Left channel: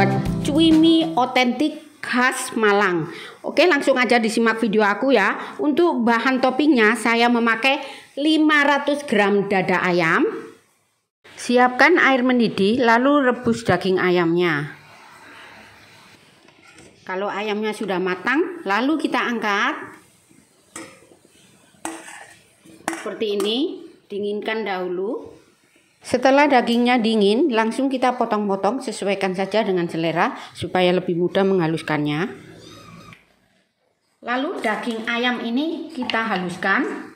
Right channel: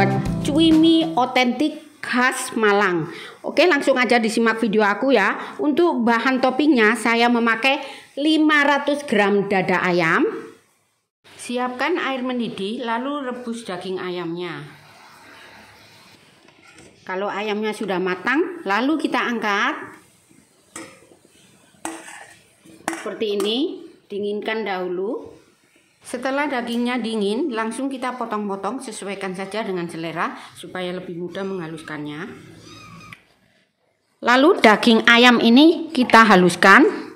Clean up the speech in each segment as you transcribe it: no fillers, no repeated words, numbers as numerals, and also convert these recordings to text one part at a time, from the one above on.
membuat cui otentik khas Malang. Oke, langsung aja disimak video aku ya. Untuk bahan toppingnya saya memakai 500 gram dada ayam. Siapkan air mendidih, lalu rebus daging ayamnya. Kalau ayamnya sudah matang, lalu kita angkat. Seperti ini, dinginkan dahulu. Setelah dagingnya dingin, langsung kita potong-potong, sesuaikan saja dengan selera supaya lebih mudah menghaluskannya. Lalu daging ayam ini kita haluskan.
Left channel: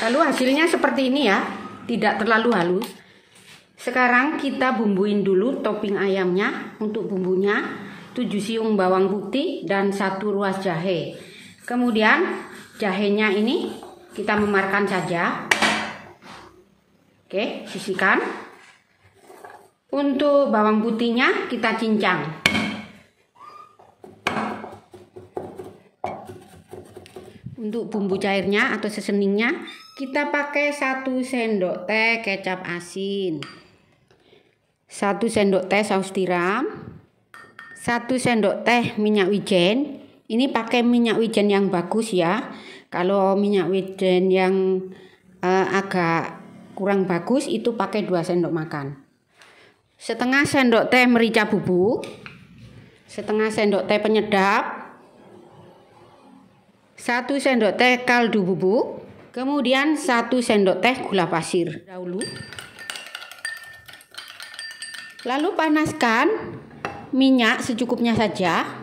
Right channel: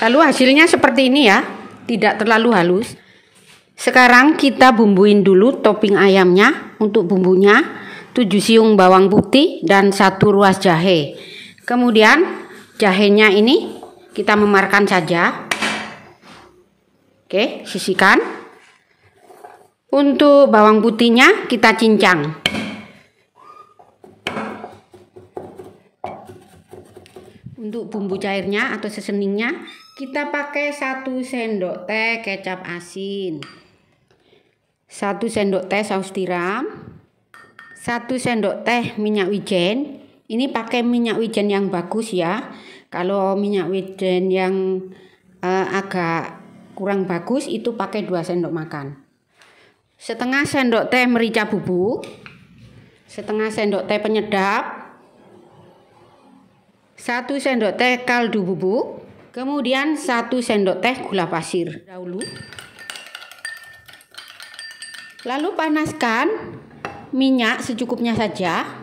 Lalu hasilnya seperti ini ya, tidak terlalu halus. Sekarang kita bumbuin dulu topping ayamnya. Untuk bumbunya 7 siung bawang putih dan 1 ruas jahe. Kemudian jahenya ini kita memarkan saja. Oke, sisihkan. Untuk bawang putihnya kita cincang. Untuk bumbu cairnya atau seseningnya kita pakai 1 sendok teh kecap asin, 1 sendok teh saus tiram, 1 sendok teh minyak wijen. Ini pakai minyak wijen yang bagus ya. Kalau minyak wijen yang agak kurang bagus itu pakai 2 sendok makan. Setengah sendok teh merica bubuk, setengah sendok teh penyedap, 1 sendok teh kaldu bubuk, kemudian 1 sendok teh gula pasir dahulu. Lalu panaskan minyak secukupnya saja.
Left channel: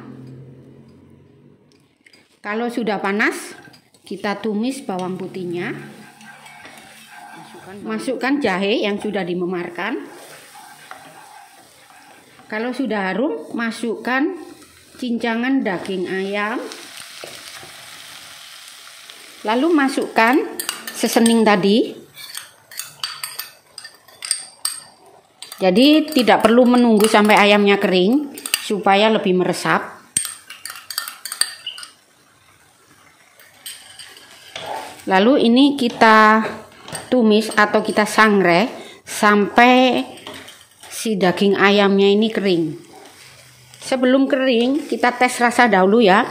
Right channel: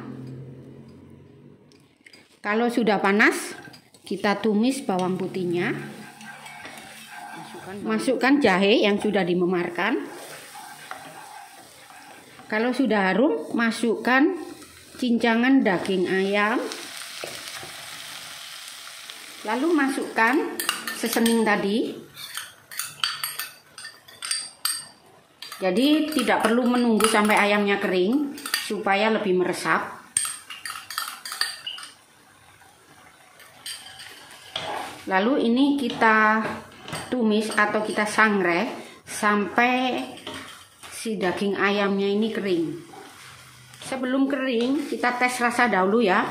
Kalau sudah panas, kita tumis bawang putihnya. Masukkan jahe yang sudah dimemarkan. Kalau sudah harum, masukkan cincangan daging ayam. Lalu masukkan sesening tadi. Jadi tidak perlu menunggu sampai ayamnya kering supaya lebih meresap. Lalu ini kita tumis atau kita sangrai sampai si daging ayamnya ini kering. Sebelum kering kita tes rasa dahulu ya.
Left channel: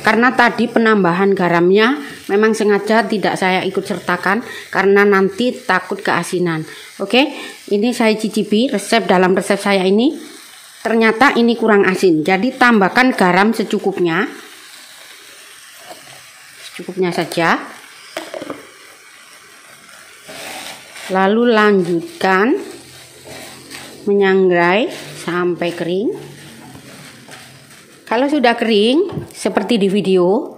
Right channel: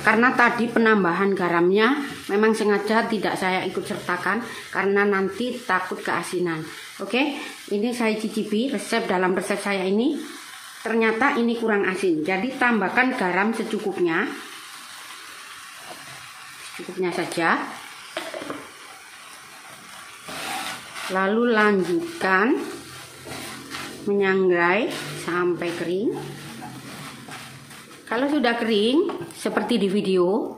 Karena tadi penambahan garamnya memang sengaja tidak saya ikut sertakan karena nanti takut keasinan. Oke, ini saya cicipi dalam resep saya ini. Ternyata ini kurang asin. Jadi tambahkan garam secukupnya. Secukupnya saja. Lalu lanjutkan menyangrai sampai kering. Kalau sudah kering seperti di video,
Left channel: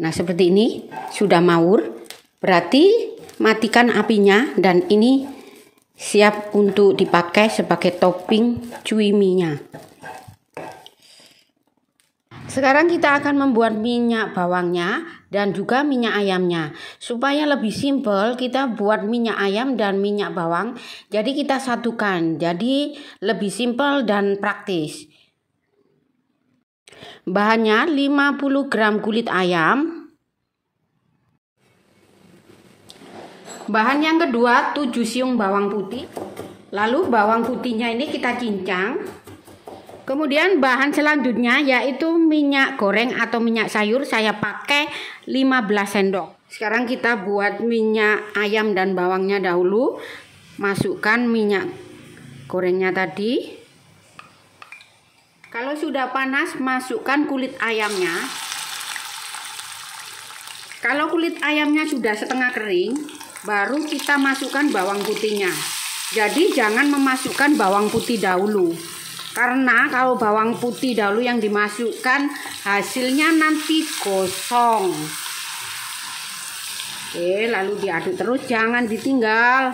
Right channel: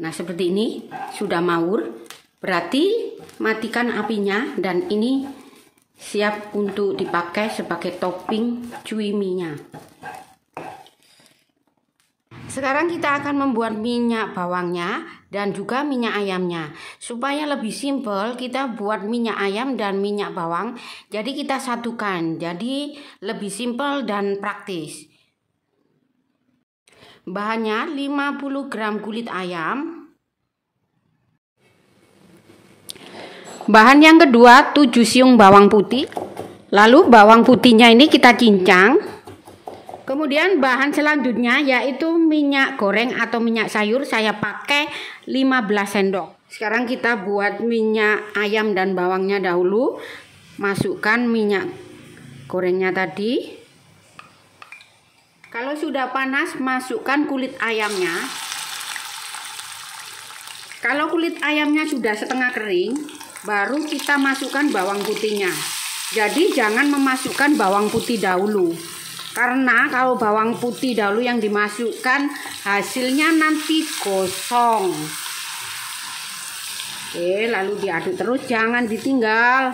nah seperti ini sudah maur, berarti matikan apinya dan ini siap untuk dipakai sebagai topping cui mie-nya. Sekarang kita akan membuat minyak bawangnya dan juga minyak ayamnya. Supaya lebih simpel, kita buat minyak ayam dan minyak bawang. Jadi kita satukan. Jadi lebih simpel dan praktis. Bahannya 50 gram kulit ayam. Bahan yang kedua 7 siung bawang putih. Lalu bawang putihnya ini kita cincang. Kemudian bahan selanjutnya yaitu minyak goreng atau minyak sayur, saya pakai 15 sendok. Sekarang kita buat minyak ayam dan bawangnya dahulu. Masukkan minyak gorengnya tadi. Kalau sudah panas, masukkan kulit ayamnya. Kalau kulit ayamnya sudah setengah kering, baru kita masukkan bawang putihnya. Jadi jangan memasukkan bawang putih dahulu. Karena kalau bawang putih dahulu yang dimasukkan, hasilnya nanti gosong. Oke, lalu diaduk terus, jangan ditinggal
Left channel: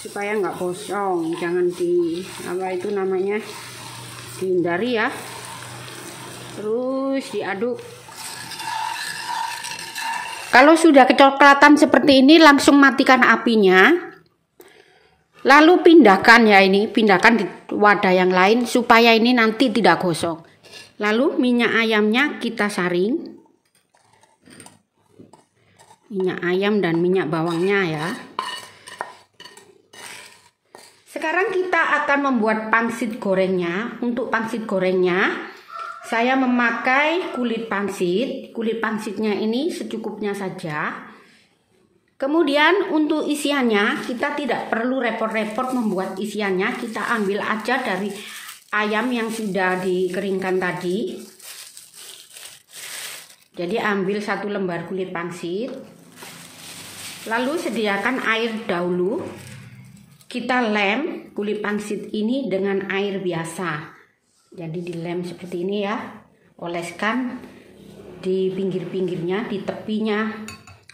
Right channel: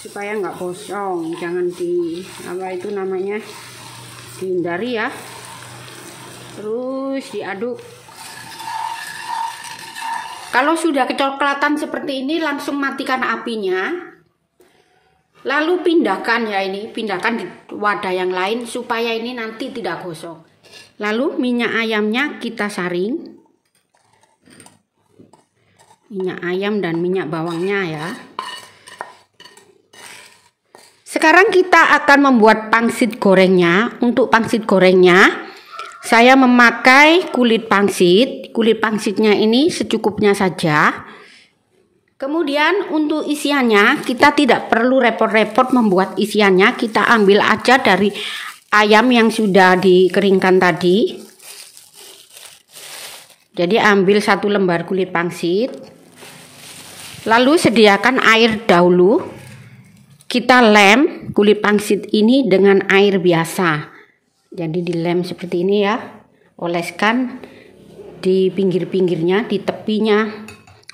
supaya nggak gosong. Jangan dihindari ya. Terus diaduk. Kalau sudah kecoklatan seperti ini, langsung matikan apinya. Lalu pindahkan di wadah yang lain supaya ini nanti tidak gosong. Lalu minyak ayamnya kita saring. Minyak ayam dan minyak bawangnya ya. Sekarang kita akan membuat pangsit gorengnya. Untuk pangsit gorengnya saya memakai kulit pangsit. Kulit pangsitnya ini secukupnya saja. Kemudian untuk isiannya kita tidak perlu repot-repot membuat isiannya. Kita ambil aja dari ayam yang sudah dikeringkan tadi. Jadi ambil 1 lembar kulit pangsit. Lalu sediakan air dahulu. Kita lem kulit pangsit ini dengan air biasa. Jadi dilem seperti ini ya. Oleskan di pinggir-pinggirnya, di tepinya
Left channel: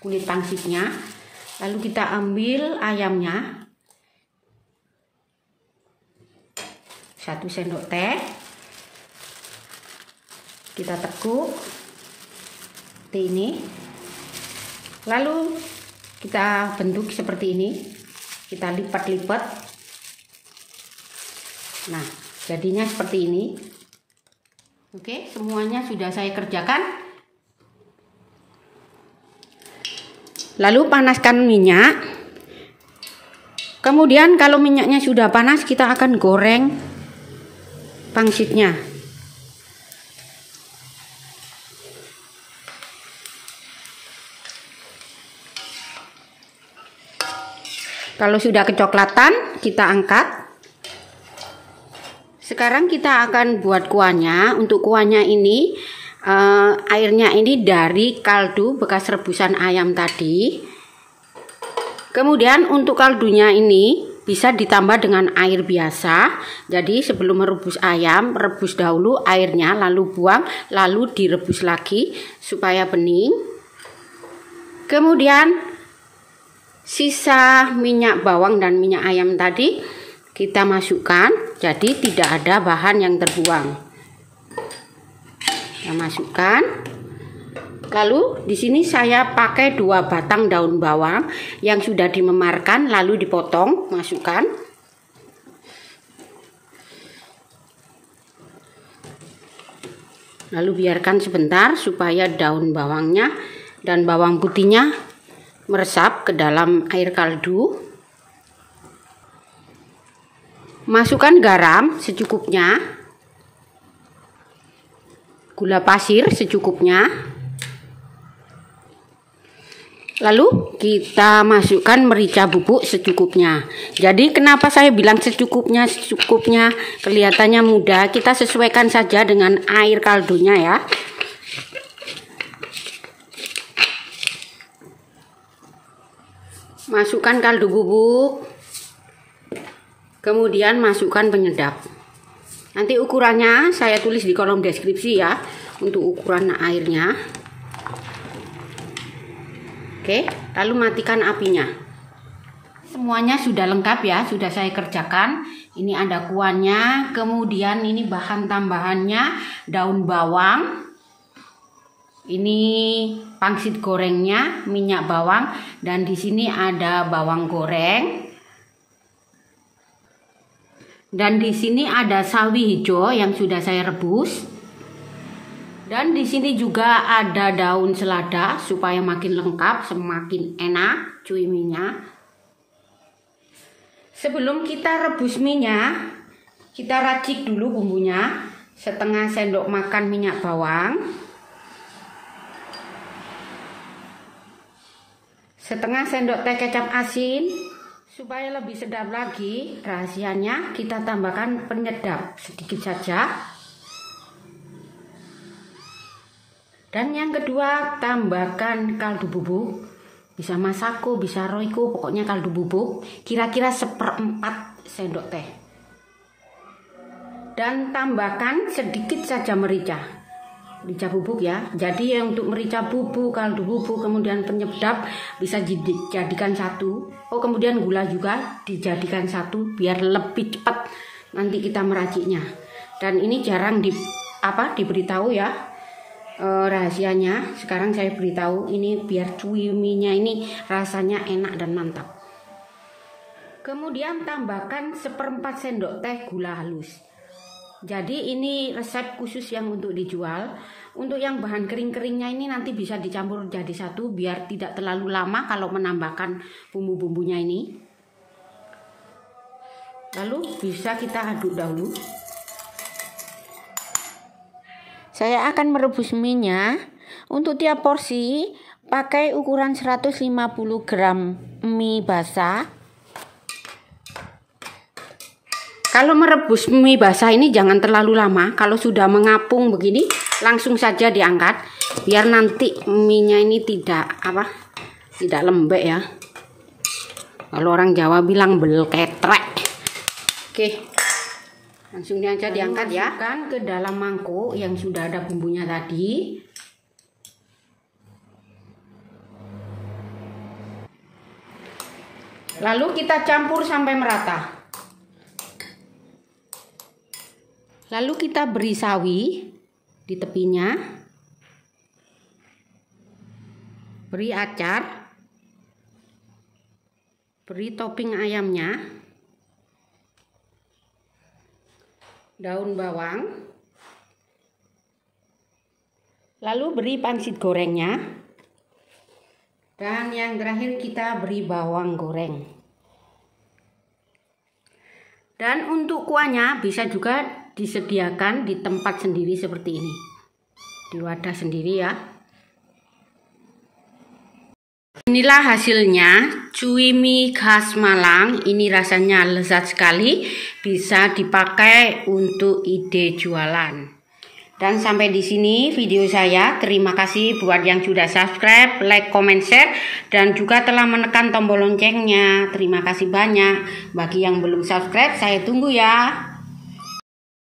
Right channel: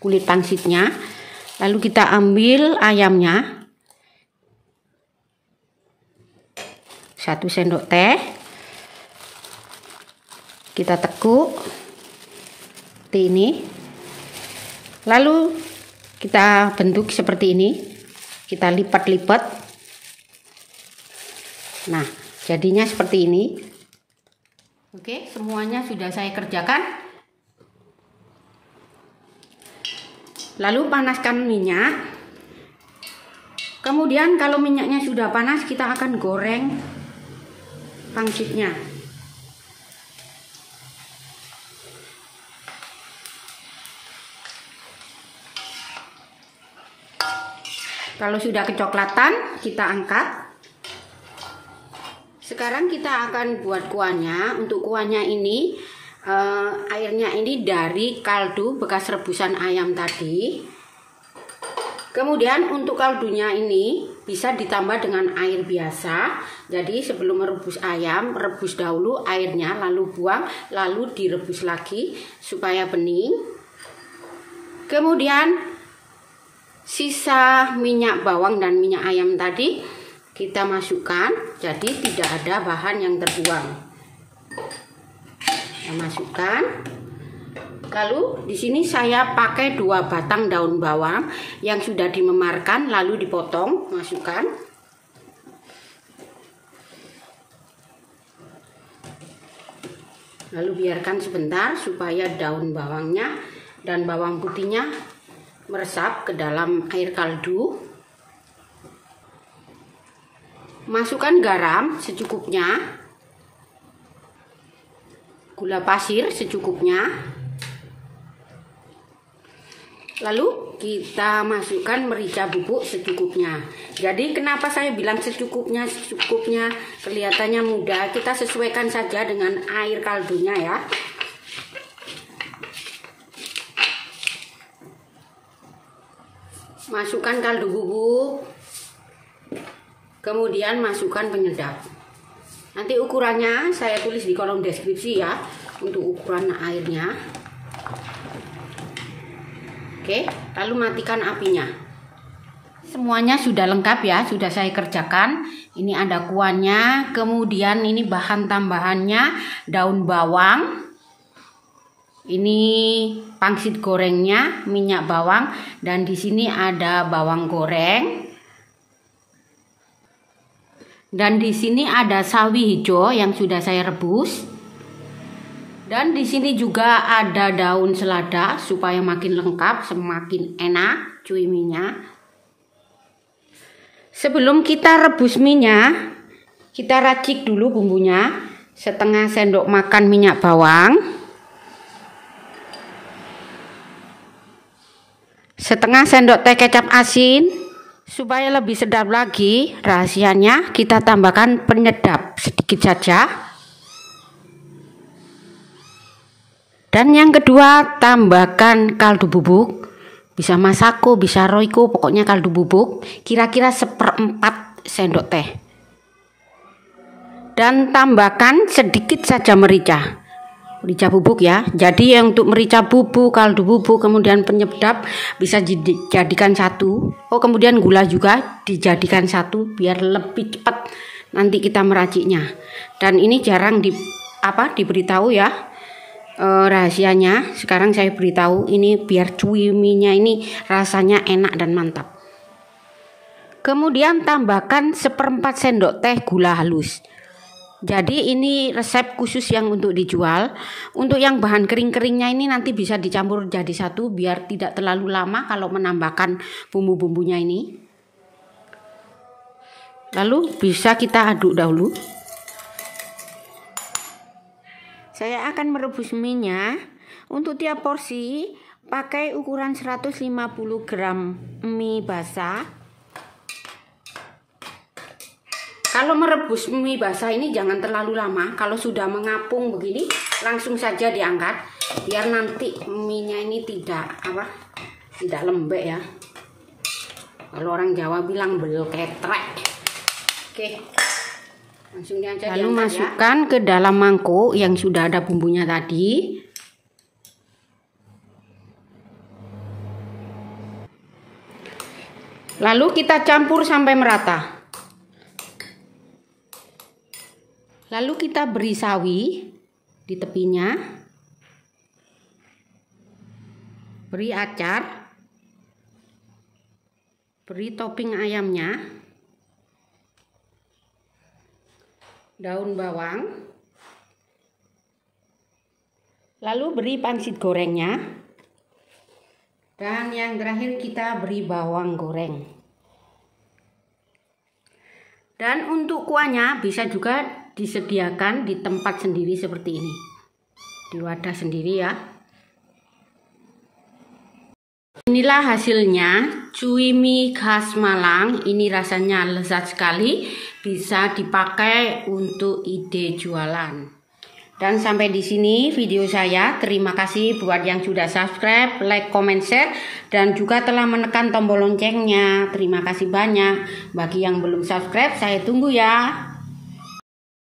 kulit pangsitnya. Lalu kita ambil ayamnya. 1 sendok teh. Kita tekuk seperti ini. Lalu kita bentuk seperti ini. Kita lipat-lipat. Nah, jadinya seperti ini. Oke, semuanya sudah saya kerjakan. Lalu panaskan minyak. Kemudian kalau minyaknya sudah panas, kita akan goreng pangsitnya. Kalau sudah kecoklatan, kita angkat. Sekarang kita akan buat kuahnya. Untuk kuahnya ini, airnya ini dari kaldu bekas rebusan ayam tadi. Kemudian untuk kaldunya ini bisa ditambah dengan air biasa. Jadi sebelum merebus ayam, rebus dahulu airnya, lalu buang, lalu direbus lagi supaya bening. Kemudian sisa minyak bawang dan minyak ayam tadi kita masukkan, jadi tidak ada bahan yang terbuang. Kita masukkan. Lalu di sini saya pakai 2 batang daun bawang yang sudah dimemarkan, lalu dipotong, masukkan. Lalu biarkan sebentar supaya daun bawangnya dan bawang putihnya meresap ke dalam air kaldu. Masukkan garam secukupnya, gula pasir secukupnya. Lalu kita masukkan merica bubuk secukupnya. Jadi kenapa saya bilang secukupnya, kelihatannya mudah. Kita sesuaikan saja dengan air kaldunya ya. Masukkan kaldu bubuk, kemudian masukkan penyedap. Nanti ukurannya saya tulis di kolom deskripsi ya, untuk ukuran airnya. Oke, lalu matikan apinya. Semuanya sudah lengkap ya, sudah saya kerjakan. Ini ada kuahnya, kemudian ini bahan tambahannya daun bawang. Ini pangsit gorengnya, minyak bawang, dan di sini ada bawang goreng. Dan di sini ada sawi hijau yang sudah saya rebus. Dan di sini juga ada daun selada supaya makin lengkap, semakin enak cuiminya. Sebelum kita rebus minyak, kita racik dulu bumbunya. 1/2 sendok makan minyak bawang. 1/2 sendok teh kecap asin. Supaya lebih sedap lagi, rahasianya kita tambahkan penyedap sedikit saja. Dan yang kedua, tambahkan kaldu bubuk. Bisa Masako, bisa Royco, pokoknya kaldu bubuk. Kira-kira 1/4 sendok teh. Dan tambahkan sedikit saja merica. Merica bubuk ya. Jadi yang untuk merica bubuk, kaldu bubuk, kemudian penyedap bisa dijadikan satu. Oh, kemudian gula juga dijadikan satu biar lebih cepat nanti kita meraciknya. Dan ini jarang diberitahu ya, rahasianya. Sekarang saya beritahu, ini biar cuiminya ini rasanya enak dan mantap. Kemudian tambahkan 1/4 sendok teh gula halus. Jadi ini resep khusus yang untuk dijual. Untuk yang bahan kering-keringnya ini nanti bisa dicampur jadi satu biar tidak terlalu lama kalau menambahkan bumbu-bumbunya ini. Lalu bisa kita aduk dahulu. Saya akan merebus mie-nya. Untuk tiap porsi pakai ukuran 150 gram mie basah. Kalau merebus mie basah ini jangan terlalu lama. Kalau sudah mengapung begini langsung saja diangkat, biar nanti mie-nya ini tidak lembek ya. Kalau orang Jawa bilang belketrek. Oke, langsung aja diangkat ya. Masukkan ke dalam mangkuk yang sudah ada bumbunya tadi. Lalu kita campur sampai merata. Lalu kita beri sawi di tepinya. Beri acar. Beri topping ayamnya. Daun bawang, lalu beri pangsit gorengnya, dan yang terakhir kita beri bawang goreng. Dan untuk kuahnya bisa juga disediakan di tempat sendiri seperti ini, di wadah sendiri ya. Inilah hasilnya, cui mie khas Malang. Ini rasanya lezat sekali, bisa dipakai untuk ide jualan. Dan sampai di sini video saya. Terima kasih buat yang sudah subscribe, like, comment, share, dan juga telah menekan tombol loncengnya. Terima kasih banyak. Bagi yang belum subscribe, saya tunggu ya.